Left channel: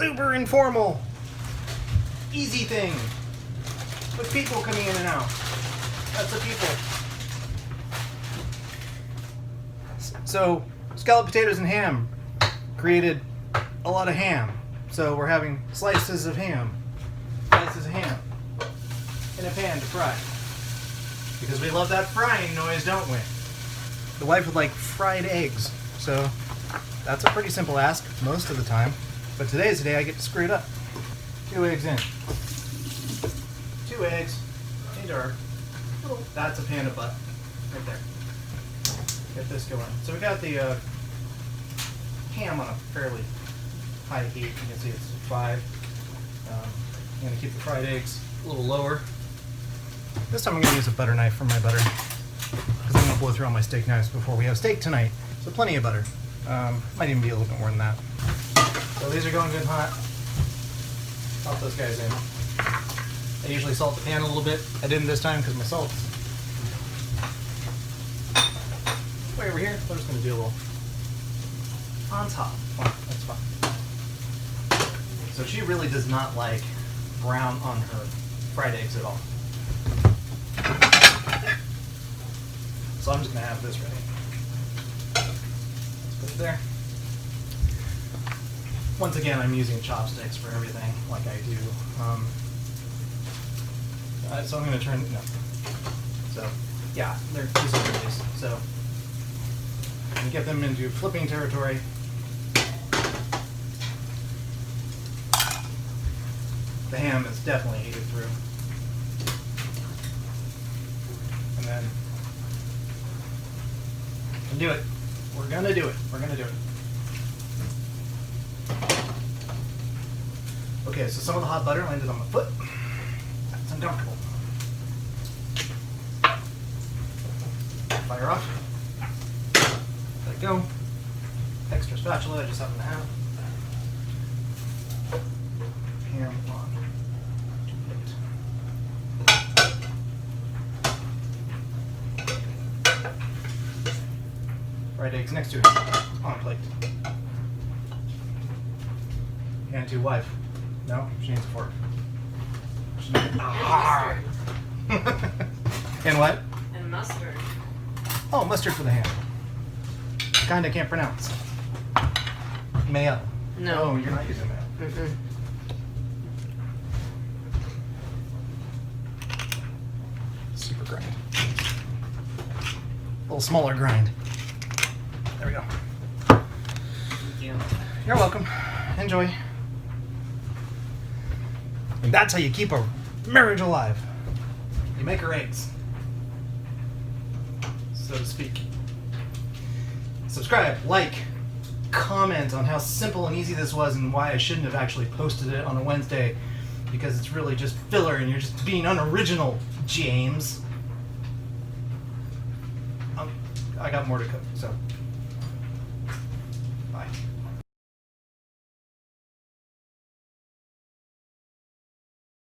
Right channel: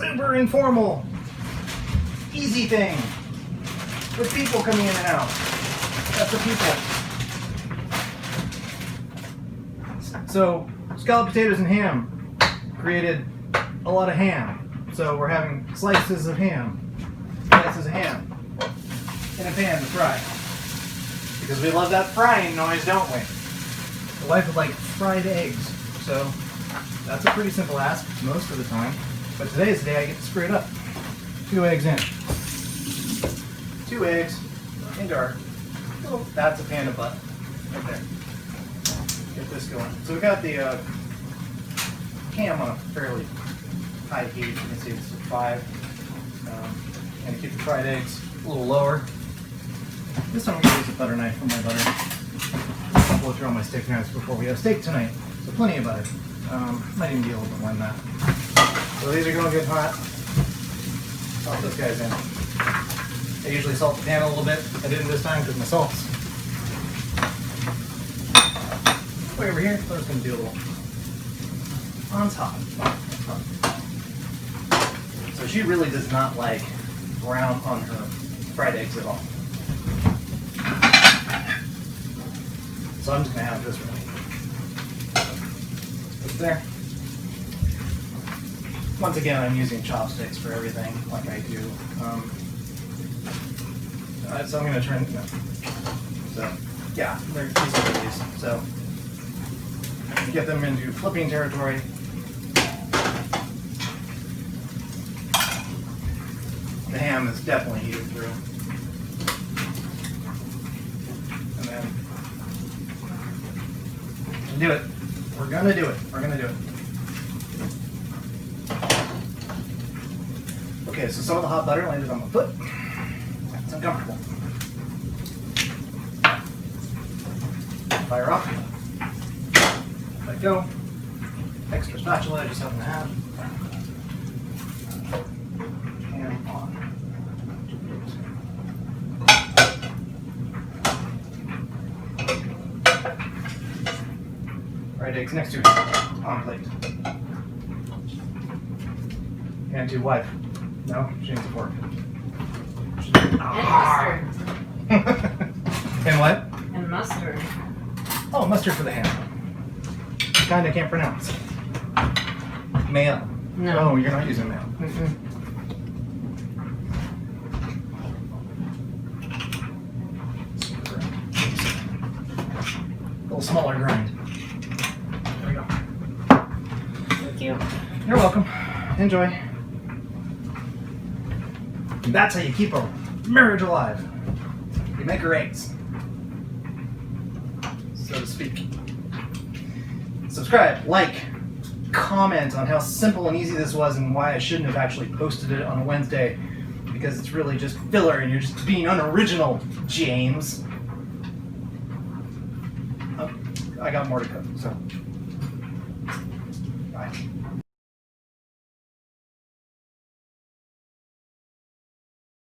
super informal, easy thing with people coming in and out. That's the pupil. So scalloped potatoes and ham created a lot of ham. So we're having slices of ham in a pan to fry. Because we love that frying noise, don't we? The wife would like fried eggs. So that's a pretty simple ask most of the time. But today's the day I get to screw it up. 2 eggs in. 2 eggs into our, oh, that's a panda butt right there. Get this going. So we got the ham on a fairly high heat. You can see it's 5. And keep the fried eggs a little lower. This time I'm going to use a butter knife for my butter. I'll blow through all my steak knives before we have steak tonight. So plenty of butter. Might even be a little bit more than that. So these are going good hot. I'll put those guys in. I usually salt the pan a little bit. I didn't this time because my salt's way over here. So I'm just going to do a little on top. Oh, that's fun. So she really does not like brown on her fried eggs at all. So I'm just going to have this ready. Put it there. Once again, I'm using chopsticks for everything, like I do. So I'm going to turn, no. So, yeah, they're easy to use. So, get them into flipping territory. The ham is definitely heated through. And then, do it. We're going to do it. We're going to do it. Okay, so some of the hot butter landed on my foot. It's uncomfortable. Fire off. Let it go. Extra spatula, I just happen to have. Ham on. Fried eggs next to it, on plate. And to wife. No, she needs a fork. Mustard. And what? And mustard. Oh, mustard for the ham. Kind I can't pronounce. Mayo. No. Oh, you're not using mayo. Mm-mm. Super grind. A little smaller grind. There we go. Thank you. You're welcome. Enjoy. That's how you keep a marriage alive. You make her eggs, so to speak. Subscribe, like, comment on how simple and easy this was and why I shouldn't have actually posted it on a Wednesday, because it's really just filler and you're just being unoriginal, James. I got more to cook, so